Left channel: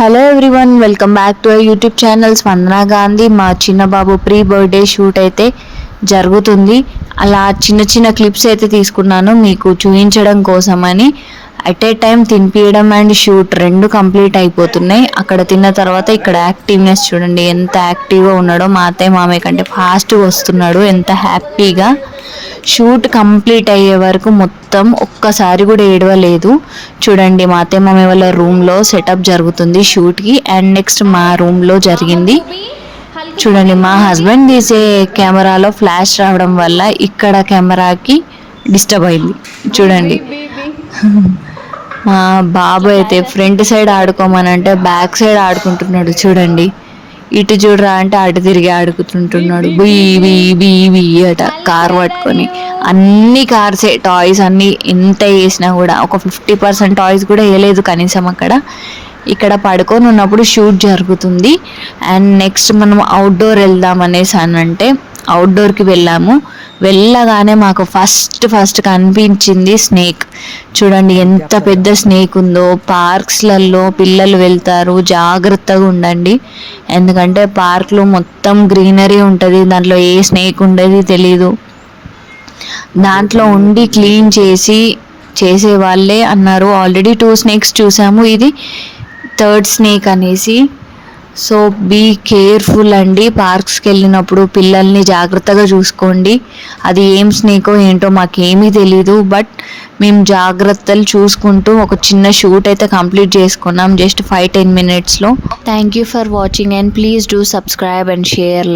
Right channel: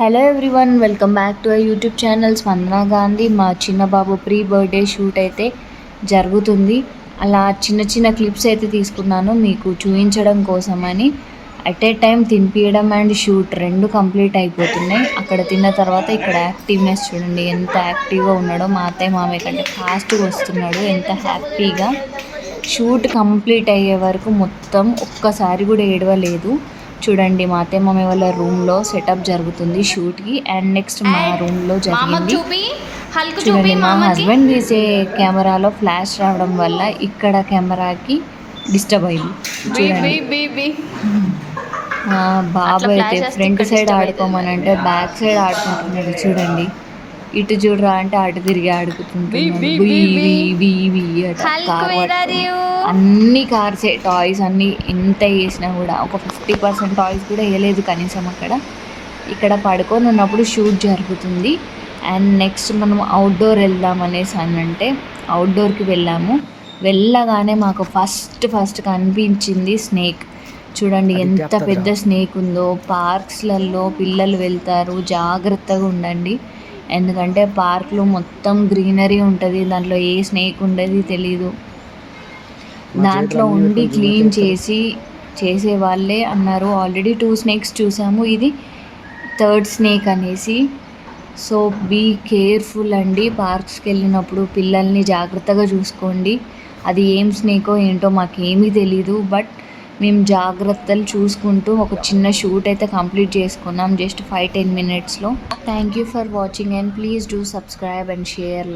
Hello everyone, welcome back to YouTube channel స్పందన గాంధీ. మా చిన్న బాబు ప్రీ బర్త్డే షూట్ అయితే జరుగుతుంది. అలా చిన్న చిన్న క్లిప్స్ అయితే తీసుకున్నాను మీకు చూపించడం కోసమని. అట్ ఏ టైం తినిపించడం అండ్ షూట్ రెండు కంప్లీట్ అయిపోతున్నాయి. అక్కడ తిన్న తర్వాత ఇక్కడ యాక్టివ్నెస్ చూడండి, ఎంత యాక్టివ్గా ఉన్నాడో. మా అత్తయ్య మామయ్య కంటే ఫాస్ట్గా వస్తున్నాడు, ఎంత హ్యాపీగా. షూట్ కంప్లీట్ అయ్యే వరకు మొత్తం ఒక్కసారి కూడా ఏడవలేదు. చూడండి, మా అత్తయ్య మామయ్య వాళ్ళ రూమ్లో సెటప్ జరుగుతుంది షూట్కి, అండ్ నెక్స్ట్ మా రూమ్లో జరిగింది. చూడండి, మా హస్బెండ్ తీసే కెమెరాలో ఫ్లాష్ రావడం వల్ల ఇక్కడ కెమెరాకి డిస్టర్బ్ అయింది. చూడండి, మా బాబు అయితే ఫ్రంట్ సైడ్ ఆడుకోమనంటే బ్యాక్ సైడ్ ఆడుకుంటున్నాడు. చూడండి, ఇటు చూడరా అంటే అటు తిరిగి ఆడుకుంటుంటున్నాడు. బీ అట కార్ పట్టుకొని. అన్ని కార్సే, టాయ్స్ అన్నీ ఎంత వేసినా కూడా ఒక 50% టాయ్స్ కూడా వేయలేదు కనీసం అక్కడ. ఇక్కడ పడుకొని ఉన్నప్పుడు షూట్ జరుగుతుంది. అండ్ నెక్స్ట్ మనం అవుట్డోర్ వెళ్దాం అనేసి అనంటే అవుట్డోర్కి వెళ్ళాము. వెళ్ళగానే మాకు ఫస్ట్ కనిపించింది స్నేక్. చూడండి ఎంత పెద్ద స్నేక్ ఉందో. పార్క్స్లలో పిల్లలు వెళ్తారు, జాగ్రత్తగా ఉండండి. ఎందుకంటే పార్క్లో మొత్తం గ్రీనరీ ఉంటుంది, దాంట్లో ఏ స్నేక్ ఉండేది తెలీదు. దాంట్లో ఉండి క్లీన్ చేసే వాళ్ళే అన్నారు. ఆల్రెడీ 2 స్నేక్స్ చూసాము, ఇది 3rd స్నేక్ అనేసి. సో బీ కేర్ఫుల్ అండి. పార్క్స్కి వెళ్ళినప్పుడు పిల్లల్ని జాగ్రత్తగా చూసుకోండి. అది ఏం స్నేకో ఏంటో మాకేమీ తెలీదు, బట్ మేము జాగ్రత్తలు చూసుకుంటూ ఒక చిన్న షూట్ అయితే కంప్లీట్ చేసుకున్నాం జస్ట్ 5-10 minutesలో. Thank you for watching and please do subscribe and share.